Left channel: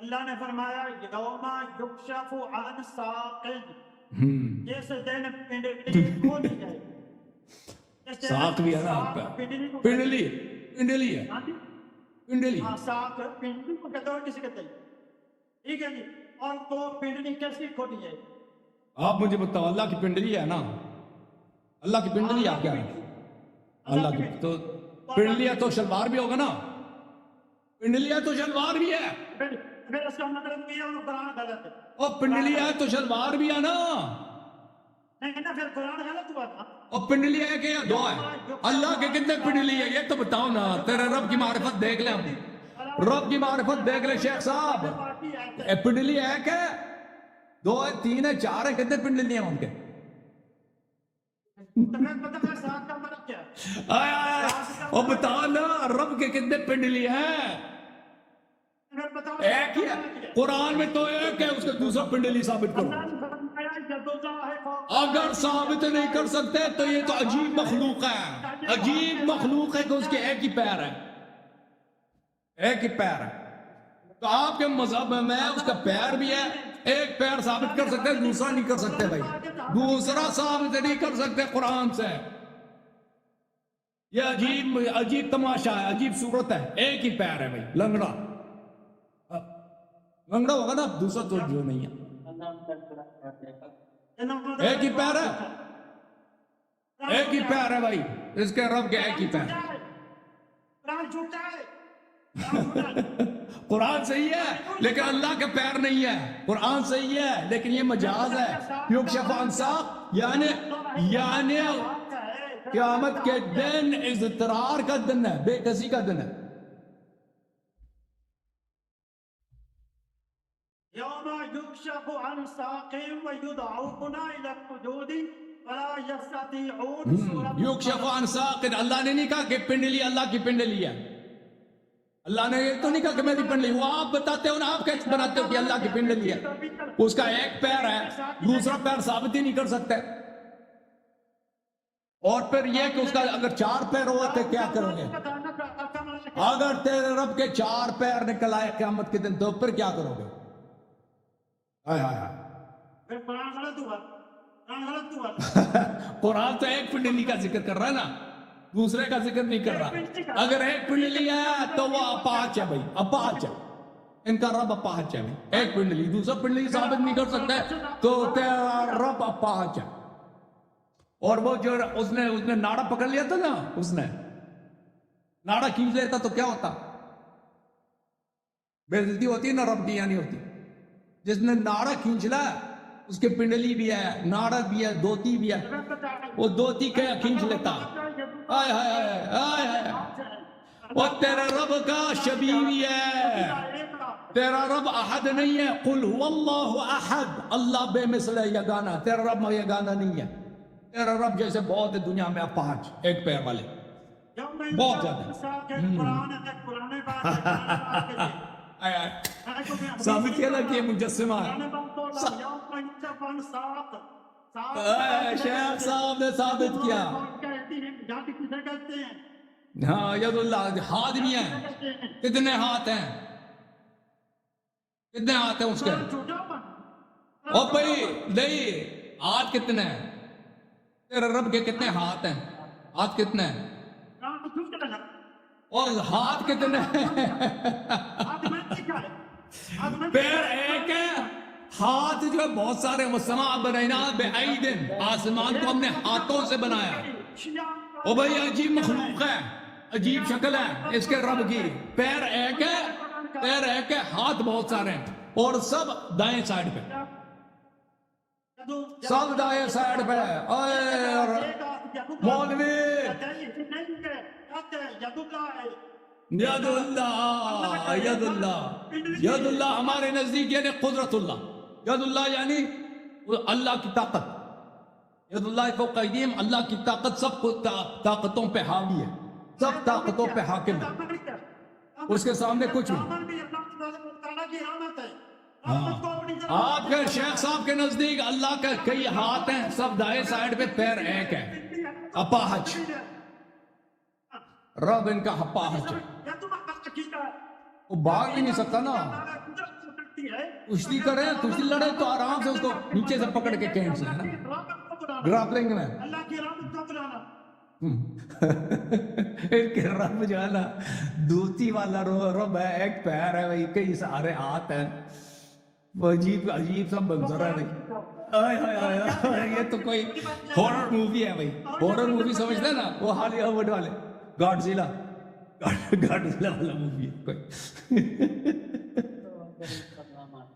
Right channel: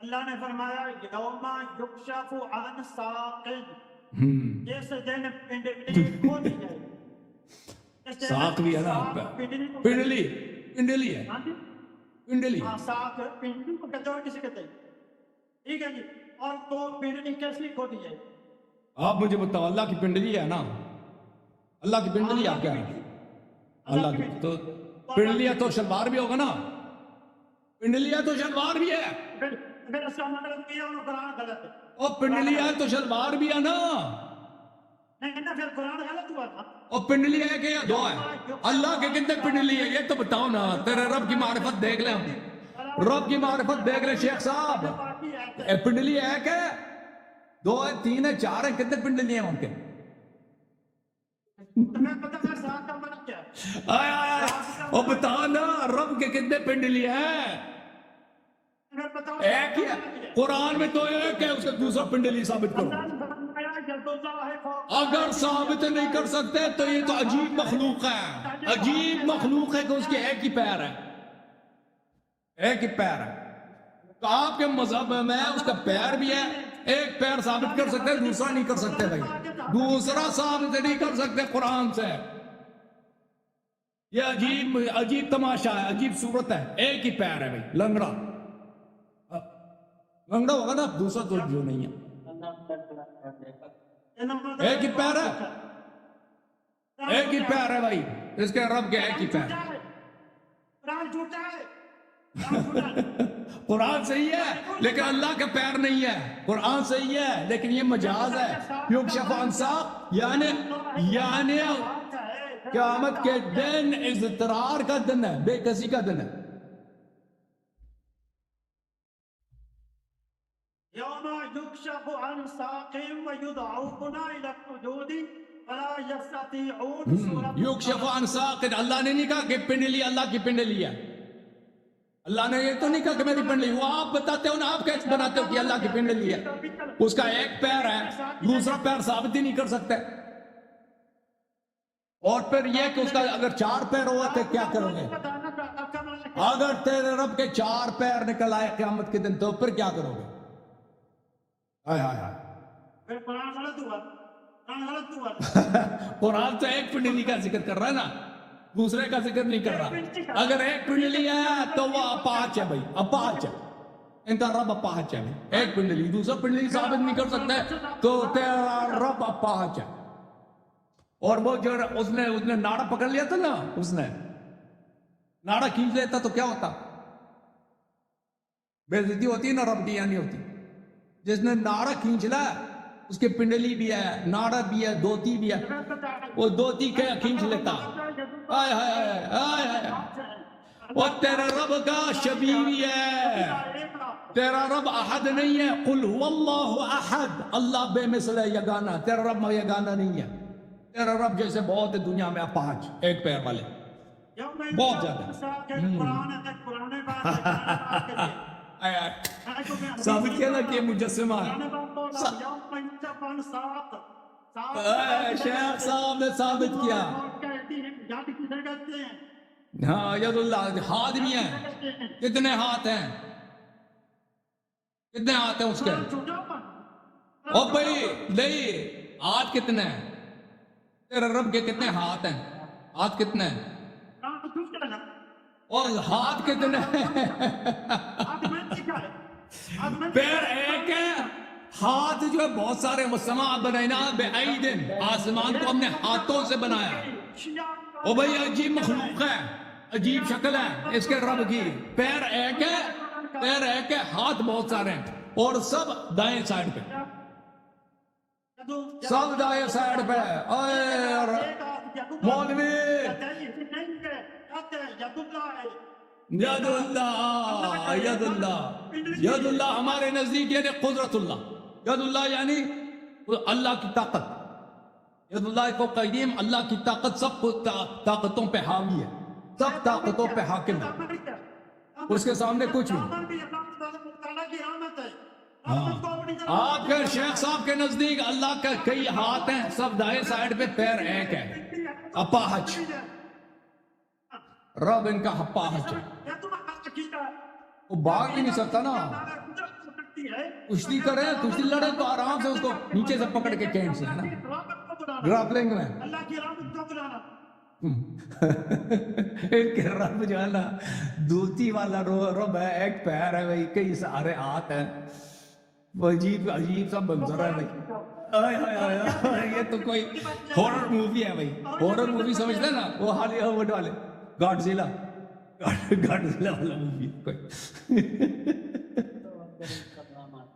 اللہ نے فرمایا یوم یکشف عن ساق، جس دن پنڈلی کھول دی جائے گی۔ ساق بھی ہے نا آپ کا پنڈلی، پنڈلی ہے پنڈلی، ساق پنڈلی کو کہتے ہیں، کسی کہتے ہیں، ٹھیک ہے جی۔ اور تو پنڈلی کیسی کھولی جائے گی؟ آپ مجھے بتاؤ، اللہ کی پنڈلی ہے نا، اللہ کی پنڈلی آپ کیا ہے؟ اللہ کی تو پنڈلی ہے تو شلوار بھی ہوگا نا، پنڈلی ہے تو شلوار بھی ہے، پھر اس کا مطلب یہ ہے قرآن غلط ہے، اور پنڈلی ہے تو شلوار بھی ہے نا، نہیں نا، پھر قرآن غلط ہوا تھا۔ اور پنڈلی ہے کہ یہ دو ہے؟ اللہ کے کتنے پنڈلی ہے یہ تو بتاؤ نا، تیرے رب کی معرفت دیکھ لیں، رب کی معرفت دیکھ لیں شیخ صاحب، پنڈلی ہے کہ دو ہے، تین ہے، چار ہے، کتنے پنڈلی ہیں ان کے؟ تمہیں پتہ ہے ساق کا مطلب کیا ہے؟ آئے آئے وہ بتا نا رب کے کتنے پنڈلی ہیں؟ اگر بتاؤ ایک ہی ہے، قرآن میں تو ایک ہے، اس کے دوسرا پنڈلی ثابت کرو۔ اگر ثابت نہیں کر سکتے تو یہ تو عجیب مخلوق ہے، عجیب مخلوق ہے کہ اس کے ایک ہی پیر ہے، ایک ہی پیر ہے۔ تو آپ کے مذہب میں اس کا پیر بھی ہے، ایک پیر ثابت کر سکتے، دوسرا نہیں کر سکتے بھائی، دوسرا ثابت نہیں کر سکتے قرآن سے۔ یہ عجیب تماشا ہے، عجیب صورت ہے، ایک ہی پیر ہے بھائی، لنگڑا لنگڑا ہوگا نا، دوسرا تو نہیں ہے، ایک ہی پیر ہے، ایک ہی پیر ہے بھائی، اس کے رب کے ایک ہی پیر ہے۔ قرآن صحیح ہے لیکن اللہ کا پیر نہیں ہے، قرآن صحیح ہے لیکن یہ مجاز ہے، یکشف عن ساق یعنی قیامت کے دن اضطرار کا دن ہے، بے کسی کا دن ہے۔ یوم یکشف عن ساق ویدعون الی السجود فلا یستطیعون۔ یکشف عن ساق، اللہ نے نہیں کہا کہ پنڈلی اللہ کی پنڈلی ہے، اللہ نے یہ تو نہیں کہا کہ میں نے پنڈلی، وہ آپ بتاتے ہو نا، آپ کیسے بناتے ہو کہ اللہ کی پنڈلی ہے؟ اس کا ایک پیر ہے، دوسرا پیر ثابت ہی نہیں کر سکتے، اور پھر یہ کہ اس کا اگر چار پیر ہوا تو کیا کرو گے؟ اگر تیرے رب کے چار پیر نکل آئے قیامت کے دن تو پھر کیا کرو گے؟ آئے آئے آئے پھر قرآن غلط ہوا، قرآن غلط ہوا۔ قرآن تو ایک پنڈلی کا ذکر کر رہا ہے نا، دوسرے کا ذکر نہیں کر رہا۔ اگر ایک پنڈلی ہے تو وہ اپاہچ ہے بھائی، اپاہچ ہے، ان کا رب اپاہچ ہے، ایک پنڈلی، دوسرا پنڈلی ثابت نہیں کر سکتے تو تیرا رب اپاہچ ہے۔ اور وہ جو اس نے ناڑا پکڑ لیا تھا نا، اس نے ناڑا کھینچ لیتا تو کیا ہوتا؟ بے عزتی ہوتی ہے نا، رب کی نہیں ہوتی۔ جس نے ناڑا کھینچ لا اس کے پنڈلی بھی ہے، ناڑا بھی ہے، دوتی بھی ہے، وہ دوتی کیا کھینچ لیتا۔ آئے آئے آئے، اور تیرا رب کا شبیہ ہے، تیرا رب احد نہیں ہے، قل هو اللہ احد، اللہ بے مثل ہے، یگانہ، تیرا رب یگانہ نہیں ہے، تیرا رب جیسے بہت ہے دنیا میں اپاہچ، ایک پیر والے بہت زیادہ۔ آئے آئے ثابت کیا نا کہ مجسمہ شیخ صاحب نے ثابت کیا، ہاں ید اللہ، ہاتھ بھی ہیں، کتنے ہاتھ ہیں، کتنے ہاتھ ہیں اس کے؟ او بھائی نہیں، ہاتھ کتنے ہیں؟ تیرے رب کے کتنے ہاتھ ہیں؟ ہاتھ کتنے ہیں؟ اور ہاتھ کتنے ہیں؟ پیر ایک ہے، ہاتھ جو بہت سارے، والسماء بنیناہا بأید، آسمان کو ہم نے ہاتھوں سے بنایا۔ او بھائی عجیب مخلوق ہے، عجیب شکل ہے اس کے رب کی، پیر ایک ہے، پیر ایک ہے، ہاتھ بہت سارے ہیں، اور سب دائیں سائڈ پہ، سب دائیں سائڈ پہ۔ مولوی ید اللہ، ید اللہ، ید اللہ ہمارے نزدیک یعنی قدرت اللہ، ید اللہ یعنی اللہ کی طاقت، ید اللہ کو قدیم، اللہ کی طاقت سب کو طاقتوں پہ حاوی ہے، سب طاقتوں پہ حاکم ہے، اس کے سامنے کچھ نہیں۔ آپ کے شیخ صاحب کے نزدیک اللہ کا کئی ہاتھ ہیں، سب دائیں سائڈ پہ، پیر ایک ہے، اپاہچ، رب ان کا اپاہچ ہے، وہ بھاگ بھی نہیں سکتا نا، کشتی کرے کشتی لڑے تو آرام سے اس کو نیچے سے پکڑ کے کینٹ سے رابط کو بنانا گرابلنگ میں اللہ کی رابط کو بنانا ایک رب جو ہے نا دوتی والا رب ہے ایک پیر ہے بھائی کئی سارے ہاتھ ہیں وہ عجیب عجیب سا منظر ہے بھائی آئے ہائے ہائے یہ تو کوئی ہورر مووی ہے بھائی ہورر مووی سمجھتے نا وہ حالیہ وہ ڈالے گاڈزیلا گاڈزیلا والا مووی ہے کوئی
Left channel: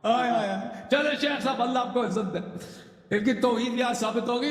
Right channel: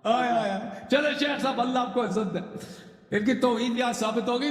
آئے آئے چلے شیخ صاحب اللہ آپ کو عزت دے ان کی توحید یہاں ثابت ہوگی